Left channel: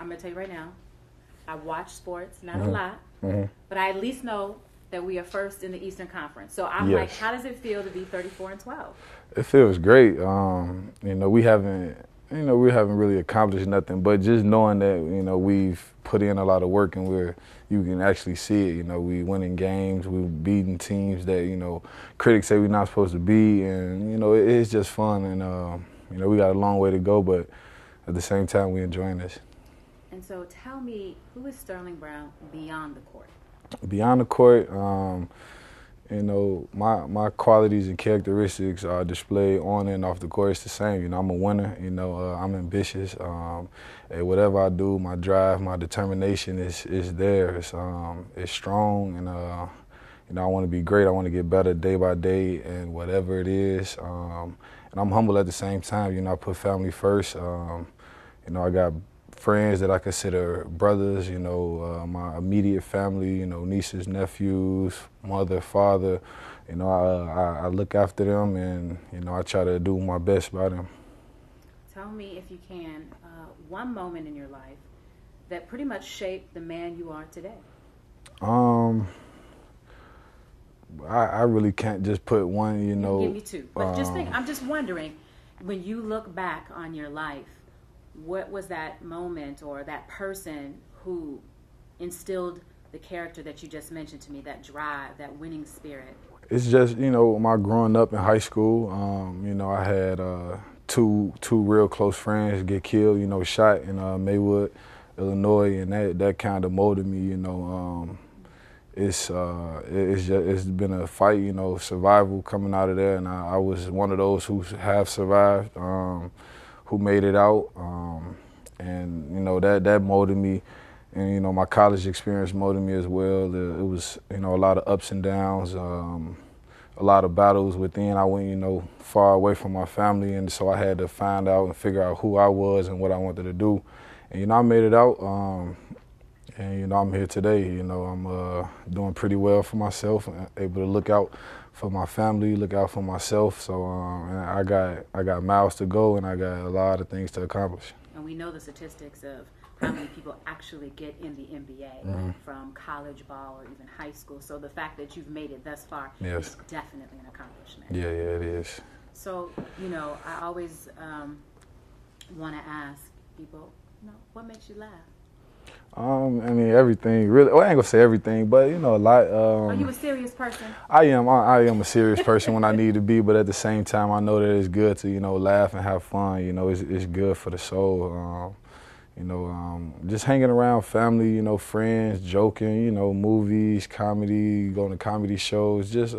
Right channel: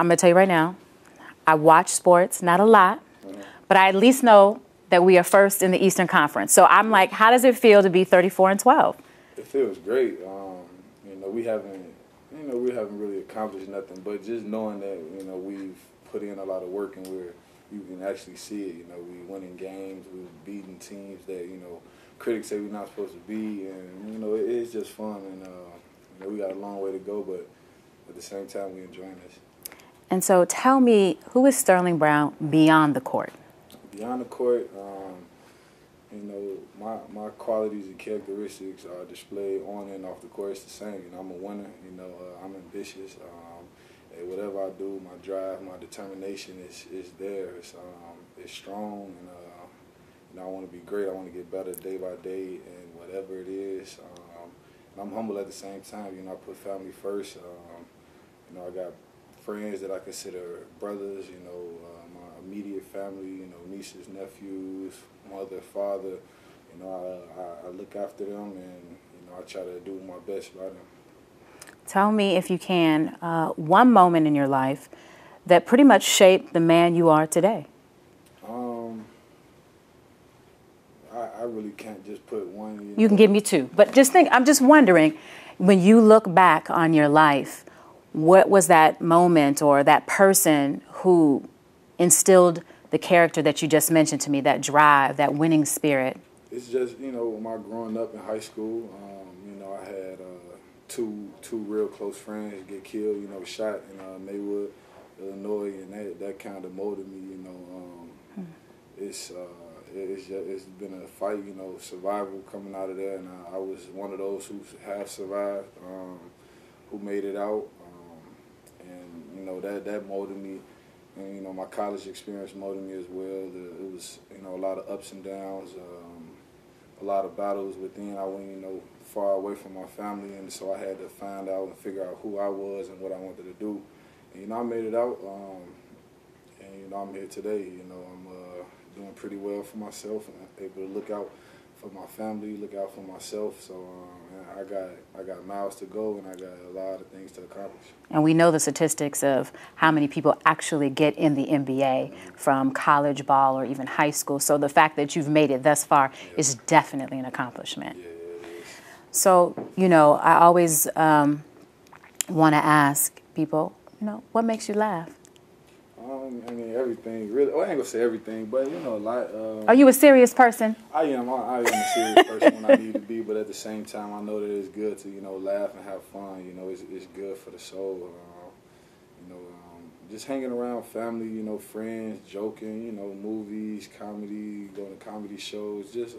I'm going to tell you right now, I watch sports, not a lot, but I at least know that we are first in the Eastern Conference. So I'm like, how does it feel to be 34-12? It feels great. We haven't really accomplished nothing, but just knowing that, we've put in a lot of work and you can actually see it. We winning games, we beating teams that, critics say we're not supposed to be, and, it's just fun, and, we got a long way to go, but at the same time, we're enjoying this. And so tell me, who is Sterling Brown beyond the court? Beyond the court, my qualities and characteristics are displayed on and off the court. It's the same. I'm a winner. I'm ambitious. And whatever I do, my drive, my determination is there. It's strong, and I want to be great. I want to get better day by day, and whatever it is. And I'm humble at the same time. I put family first. I got friends that I consider brothers, my immediate family, nieces, nephews, mother, father. I look after them, and, I try to do my best by them. Tell me, if you can, one moment in your life that pretty much shaped the man you are today. I really can't just put one, You can give me two, but just think, I'm just wondering, when you look back on your life, what was that moment or that person who instilled the character that you just mentioned to me, that drive, that winning spirit? It's just, my growing up in high school, I had two real close friends get killed, shot in Maywood, Illinois, and that kind of molded me, It's been a fight, survival coming out of there, and I was one of those who have survived. Who made it out, and that molded me, and my college experience molded me as well. It was a lot of ups and downs, a lot of battles within. I went far away from my family, and so I had to find out and figure out who I was and what I wanted to do, and I made it out, and I'm here today. I'm doing pretty well for myself, able to look out for my family, look out for myself. So I got miles to go, and I got a lot of things to accomplish. And we know the statistics of how many people actually get in the NBA from college ball or even high school. So the fact that you've made it thus far is definitely an accomplishment. Yeah, it is. So, I always want to ask people, what makes you laugh? Everything, really. Well, I ain't gonna say everything, but a lot. Are you a serious person? I am a serious person when I need to be, but at the same time, I know that it's good to, laugh and have fun. It's good for the soul. Just hanging around family, friends, joking, movies, comedy, going to comedy shows. Just,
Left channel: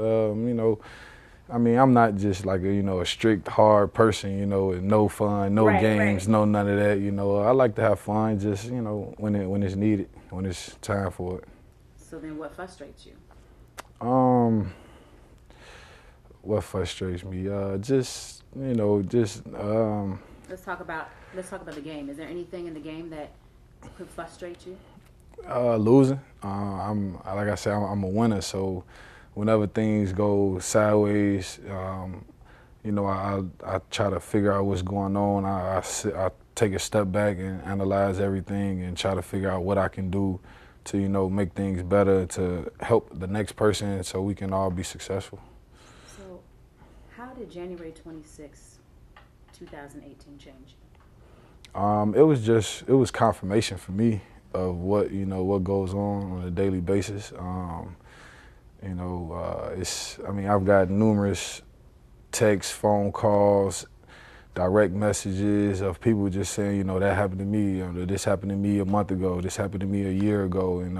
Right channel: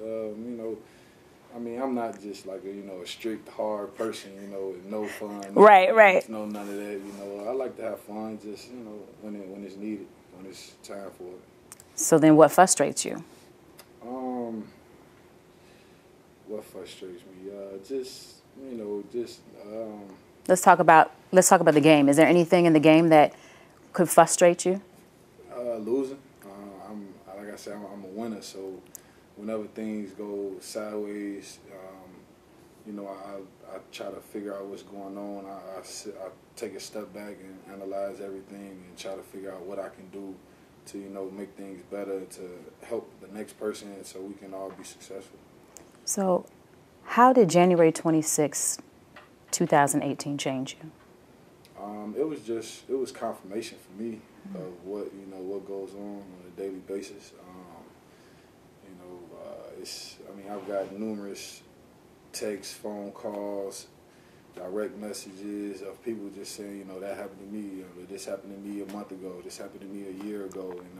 I'm not just like a strict, hard person, no fun, no games, no none of that. I like to have fun, just when it's needed, when it's time for it. So then, what frustrates you? What frustrates me? Let's talk about the game. Is there anything in the game that could frustrate you? Losing. Like I said, I'm a winner, so. Whenever things go sideways, I try to figure out what's going on. I take a step back and analyze everything and try to figure out what I can do to, make things better, to help the next person so we can all be successful. So how did January 26, 2018 change you? It was confirmation for me of what goes on a daily basis. I've got numerous texts, phone calls, direct messages of people just saying, that happened to me, this happened to me a month ago, this happened to me a year ago, and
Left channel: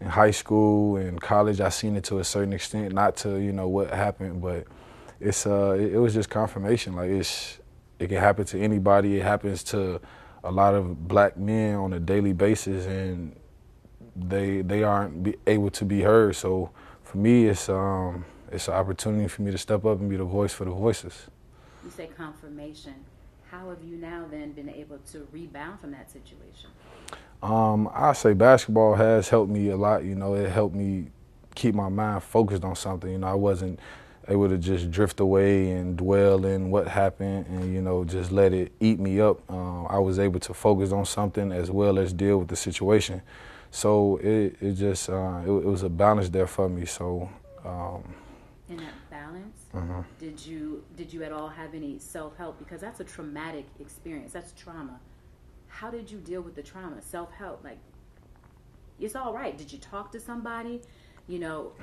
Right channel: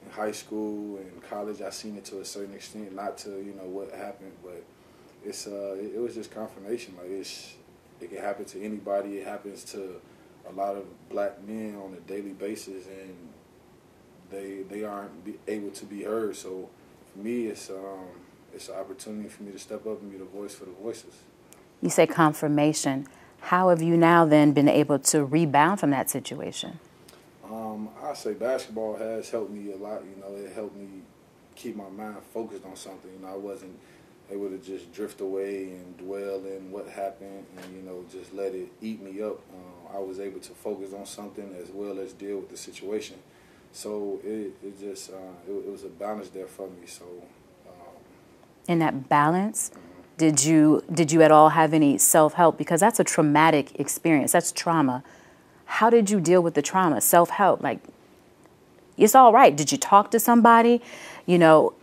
in high school and college, I seen it to a certain extent, not to what happened, but it was just confirmation. Like it can happen to anybody. It happens to a lot of black men on a daily basis, and they aren't able to be heard. So for me, it's an opportunity for me to step up and be the voice for the voiceless. You say confirmation. How have you now then been able to rebound from that situation? I say basketball has helped me a lot. It helped me keep my mind focused on something. I wasn't able to just drift away and dwell in what happened and, you know, just let it eat me up. I was able to focus on something as well as deal with the situation. So it just, it was a balance there for me. So. In that balance, did you at all have any self-help? Because that's a traumatic experience. That's trauma. How did you deal with the trauma? Self-help, like, it's all right. Did you talk to somebody? You know.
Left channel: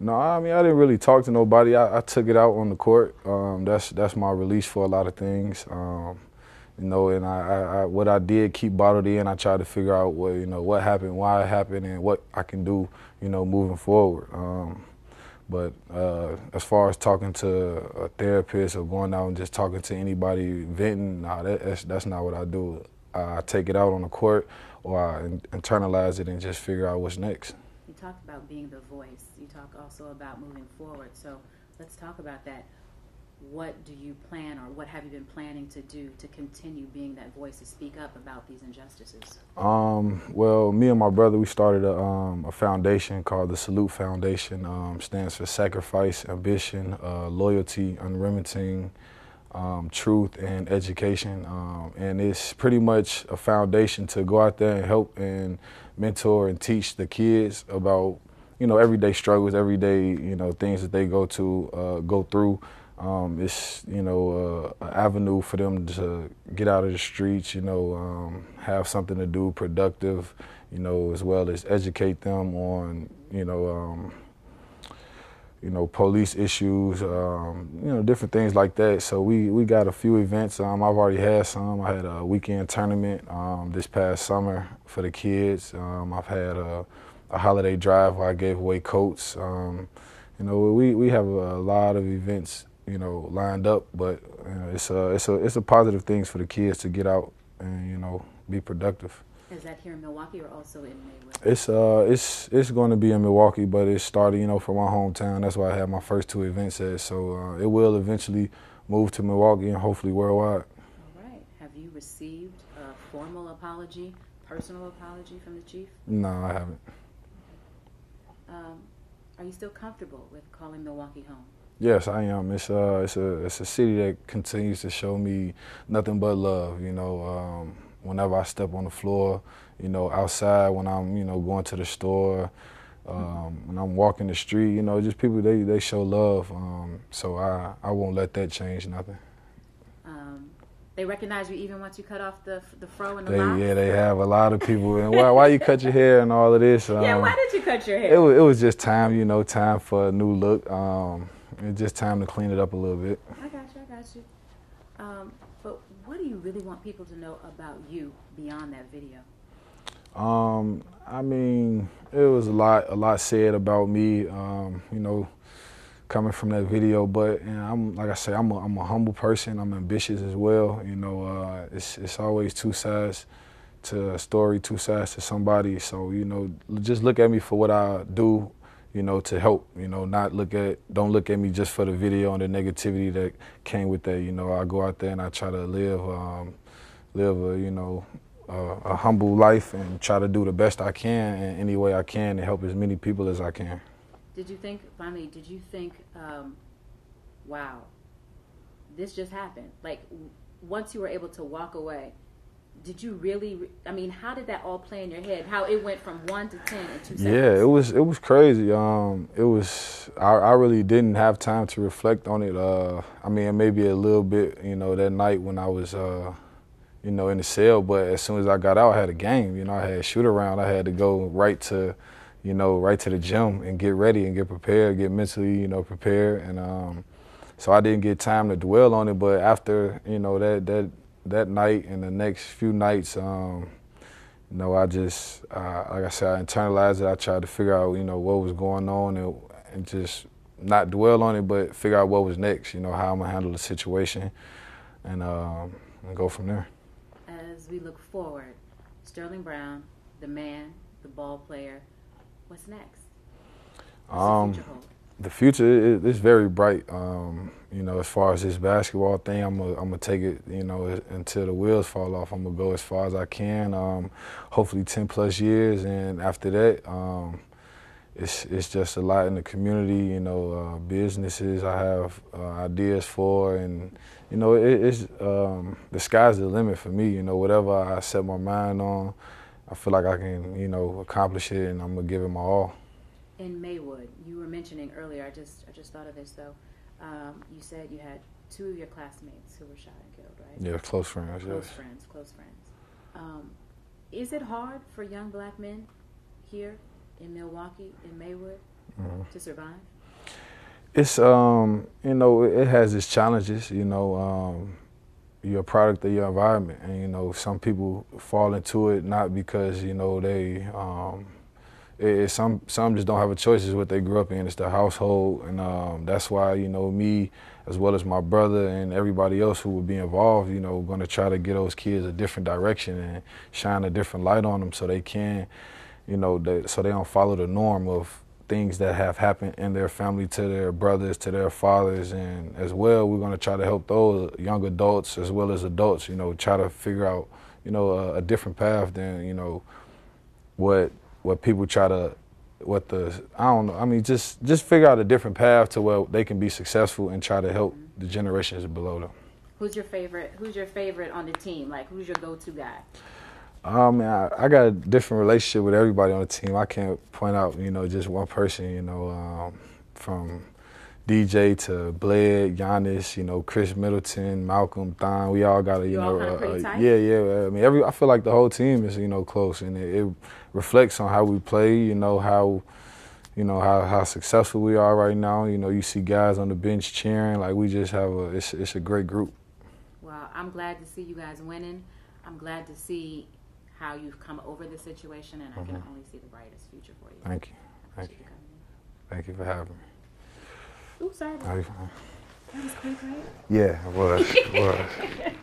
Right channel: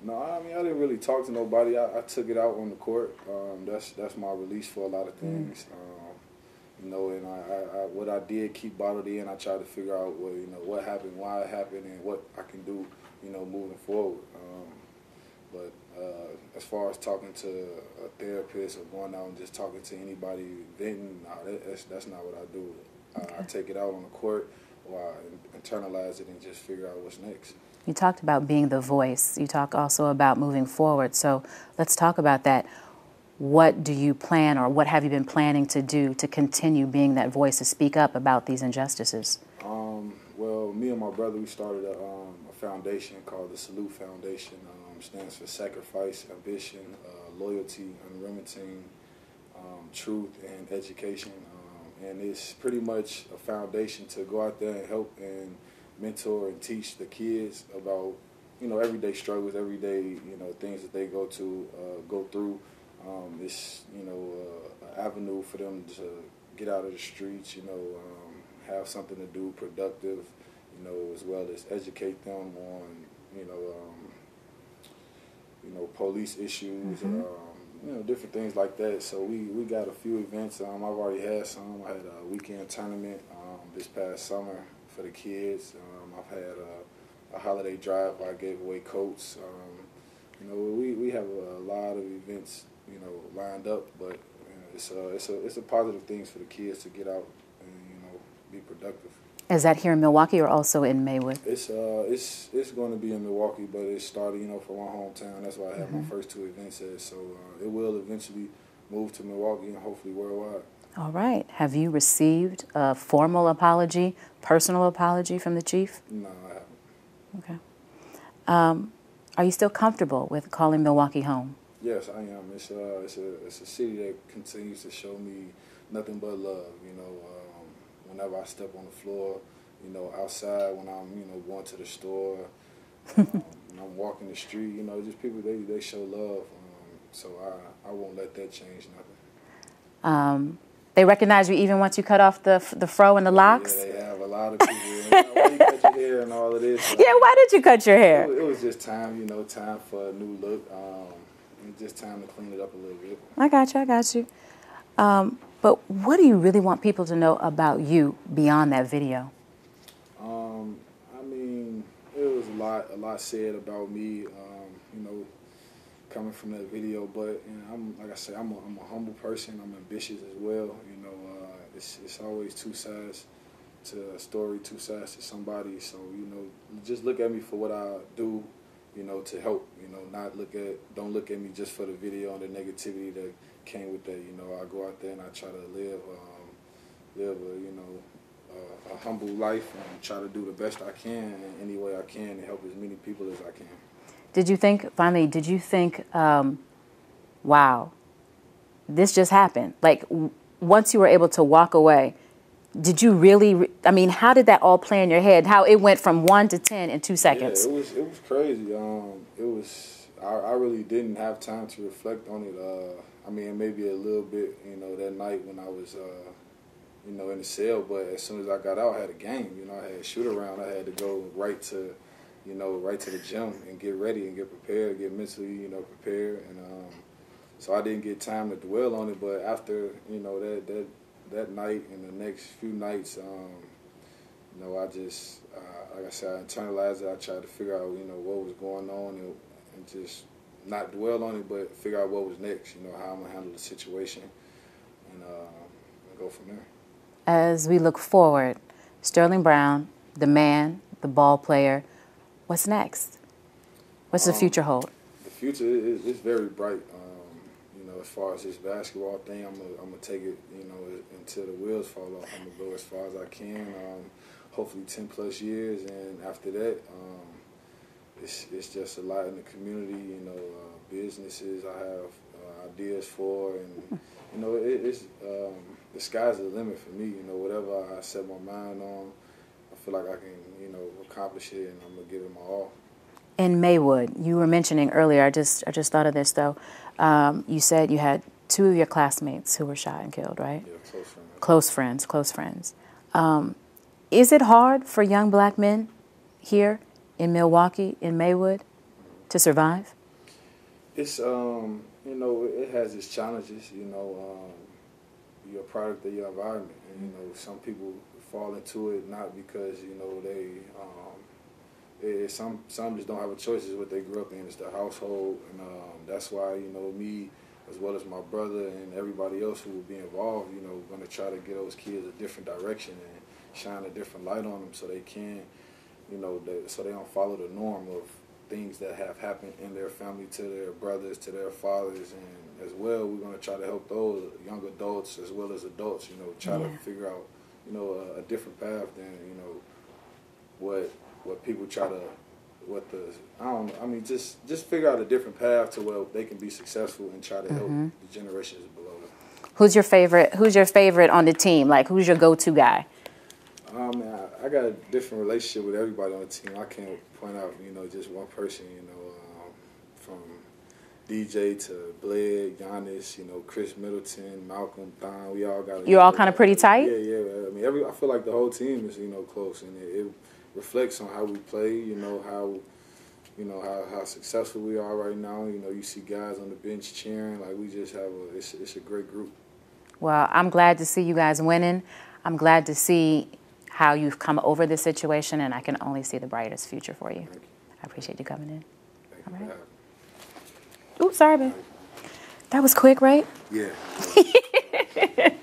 No, I mean, I didn't really talk to nobody. I took it out on the court. That's my release for a lot of things. You know, and I what I did keep bottled in. I tried to figure out what, you know, what happened, why it happened, and what I can do, you know, moving forward. But as far as talking to a therapist or going out and just talking to anybody, venting, nah, that's not what I do. I take it out on the court, or I internalize it and just figure out what's next. You talked about being the voice. You talk also about moving forward. So let's talk about that. What do you plan, or what have you been planning to do to continue being that voice to speak up about these injustices? Well, me and my brother, we started a foundation called the Salute Foundation. Stands for Sacrifice, Ambition, Loyalty, Unremitting, Truth, and Education. And it's pretty much a foundation to go out there and help and mentor and teach the kids about, you know, everyday struggles, everyday, you know, things that they go through. It's, you know, an avenue for them to get out of the streets, you know, have something to do productive, you know, as well as educate them on, you know, police issues, you know, different things like that. So we got a few events. I've already had some. I had a weekend tournament this past summer for the kids. I've had a holiday drive where I gave away coats. You know, we have a lot of events, you know, lined up, but you know, it's a positive things for the kids to get out and, you know, be productive. Is that here in Milwaukee or also in Maywood? It's going to be in Milwaukee, but it started, you know, from my hometown. That's why I had my first two events at. So it will eventually move to Milwaukee and hopefully worldwide. All right. Have you received a formal apology, personal apology from the chief? No, I haven't. Okay. Are you still comfortable with calling Milwaukee home? Yes, I am. It's a city that continues to show me nothing but love. You know, whenever I step on the floor, you know, outside, when I'm, you know, going to the store, when I'm walking the street, you know, just people, they show love. So I won't let that change nothing. They recognize you even once you cut off the fro and the locks? Yeah, they have a lot of people. And why you cut your hair and all of this? Yeah, why did you cut your hair? It was just time, you know, time for a new look. It's just time to clean it up a little bit. I got you. But what do you really want people to know about you beyond that video? I mean, it was a lot said about me, you know, coming from that video. But you know, like I say, I'm a humble person. I'm ambitious as well. You know, it's always two sides to a story, two sides to somebody. So, you know, just look at me for what I do, you know, to help, you know, don't look at me just for the video and the negativity that came with that. You know, I go out there and I try to live a, you know, a humble life and try to do the best I can in any way I can to help as many people as I can. Did you think, wow, this just happened? Like, once you were able to walk away, did you really, I mean, how did that all play in your head? How it went from 1 to 10 in 2 seconds? Yeah, it was crazy. I really didn't have time to reflect on it. I mean, maybe a little bit, you know, that night when I was, you know, in the cell, but as soon as I got out, I had a game. You know, I had shoot around. I had to go right to the gym and get ready and get prepared, get mentally, you know, prepared. And so I didn't get time to dwell on it. But after, you know, that night and the next few nights, you know, I just, like I said, I internalized it. I tried to figure out, you know, what was going on and just not dwell on it, but figure out what was next, you know, how I'm going to handle the situation and go from there. As we look forward, Sterling Brown, the man, the ball player, what's next? What's the future hold? The future is very bright. You know, as far as this basketball thing, I'm gonna take it, you know, until the wheels fall off. I'm gonna go as far as I can. Hopefully 10 plus years, and after that, it's just a lot in the community, you know, businesses I have ideas for, and you know, it's the sky's the limit for me. You know, whatever I set my mind on, I feel like I can, you know, accomplish it, and I'm gonna give it my all. In Maywood, you were mentioning earlier, I just thought of this though, you said you had 2 of your classmates who were shot and killed, right? Yeah, close friends. Close friends, close friends. Is it hard for young black men here in Milwaukee, in Maywood, to survive? It's, you know, it has its challenges, you know. You're a product of your environment, and, you know, some people fall into it not because, you know, they, some just don't have a choice. It's what they grew up in. It's their household, and that's why, you know, me as well as my brother and everybody else who would be involved, you know, going to try to get those kids a different direction and shine a different light on them so they can, you know, so they don't follow the norm of things that have happened in their family to their brothers, to their fathers, and as well, we're going to try to help those young adults as well as adults, you know, try to figure out, you know, a different path than, you know, what people try to, I don't know, I mean, just figure out a different path to where they can be successful and try to help the generations below them. Who's your favorite on the team? Like, who's your go-to guy? Man, I got a different relationship with everybody on the team. I can't point out, you know, just one person, you know, from DJ to Bled, Giannis, you know, Chris Middleton, Malcolm, Thon. We all got You're all kind of pretty tight? Yeah. I mean, I feel like the whole team is, you know, close, and it reflects on how we play, you know, how successful we are right now. You know, you see guys on the bench cheering. Like, we just have it's a great group. Well, I'm glad to see you guys winning. I'm glad to see how you've come over this situation, and I can only see the brightest future for you. Thank you. I appreciate you coming in. Thank you for having me. Oops, sorry, babe. That was quick, right? Yeah, it was.